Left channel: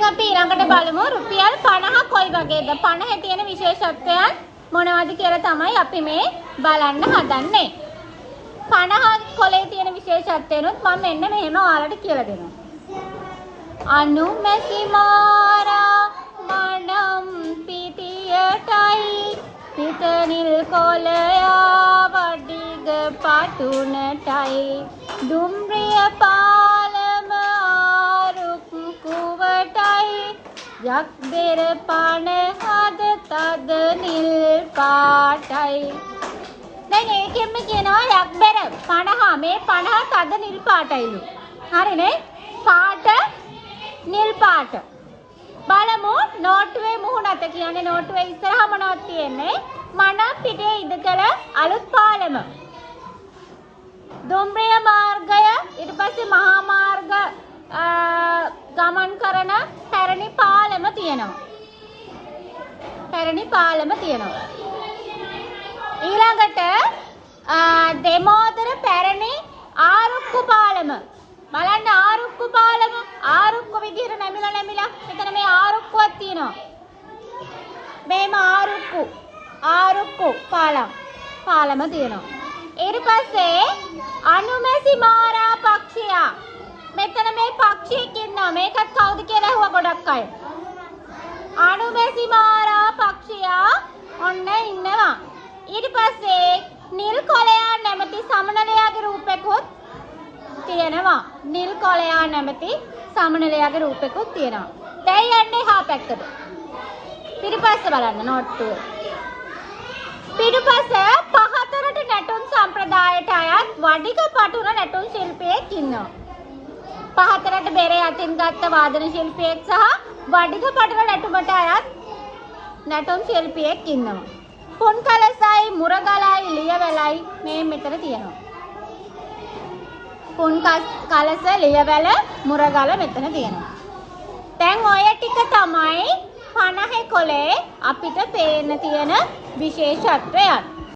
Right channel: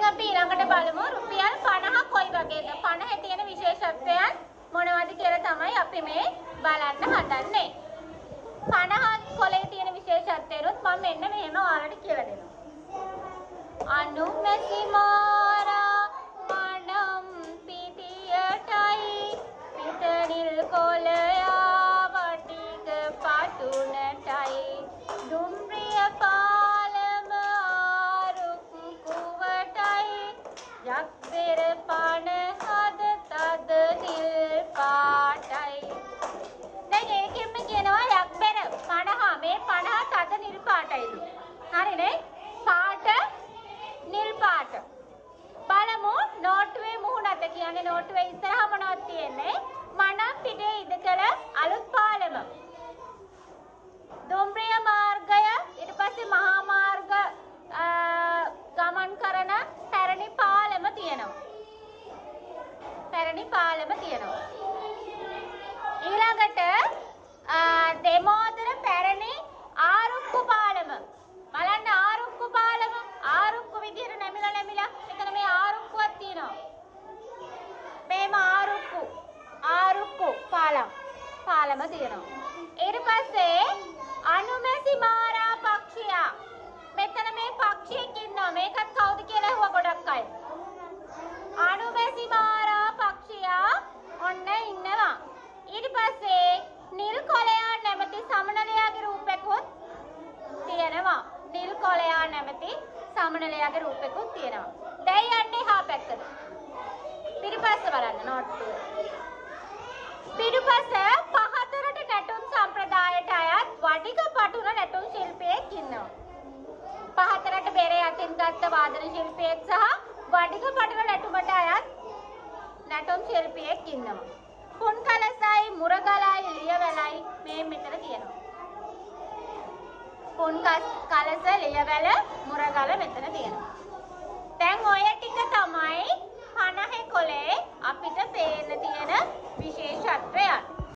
දැන් අපි ඊළඟට බලමු රුපියල් 50 කොයි වගේද 50 තියෙන විශේෂත්වයන් මොනවද කියලා තමයි අපි මේ බලන්න හදන්නේ 50 කොලේ තියෙන විශේෂත්වයනොත් මම මෙන්න මෙහෙම ඔයාලට කියලා දෙනවා අනුමැසි මාරා මනම් පිටියටයි පිට නිල් කොලයා වඩිග පටුනටයි දුම්රිය පාලම ආරුක්කුවටයි යක් බෙර පණ හද තද නිල් පාටයි දැන් ඒකෙන්ම කියනවා යක් බෙර 50 මේ 50 තද නිල් පාටයිලු හරිනේ පාට නිල් පාට බලමු නෝට්ටුවේ මුහුණත කියන්නේ නෝට්ටුවේ ඉස්සරහා මොනවද තියෙන්නේ මනම් පිටේ ඉදකල අලුත් පාලම දුම්රිය මාර්ගය ඊට පස්සේ මහා මාර්ග ගමන් කරන පැරණි පාලම තියෙනවා ඊළඟට දෙමෝදර පැරණි ආරුක්කු පාලම බලන්න ආරුක්කු පාලම ආරුක්කු විදිහට නැමිලා මෙතන මේ ආරුක්කුවක් තියෙනවා මේම ආරුක්කු පාලම තියෙනවා ඊට පස්සේ අනුමැසි මාරා පක්ෂියා මෙතන මේ පක්ෂියෙක් ඉන්නවා මේකත් කවුද කියලා අහුවා ගොඩක් අය අනුමැසි මාරා පක්ෂියා ඔන්න ඉන්නවා ඊට පස්සේ නිල් කොළයා නැමැති සමනලයාගේ රූපෙකුත් තියෙනවා නිල් කොළයා නැමැති සමනලයාගේ රූපෙකුත් තියෙනවා දැන් යන්නේ හා පැත්තට පිටිපස්ස බලන්න නෝට්ටුව පිටුපස පහතරට නැටුම් සම්ප්‍රදායට අයත් වඩික පටුන නැටුම් ශිල්පියෙක් ඉන්නවා පහතරට බෙරේ අතින් ගත්ත වාදන ශිල්පියෙක් සහ වඩික පටුන නැටුමට අයත් නැටුම් ශිල්පියෙක් ඉන්නවා පුන් කලසයි මුරගලයි ලියවැලයි මේ මෙතන තියෙනවා පුන් කලස ලියවැල මුරගල මෙතන තියෙනවා දැන් ඔය ටික තමයි 50 කොලේ අපිට පේන්න තියෙන විශේෂත්වයන්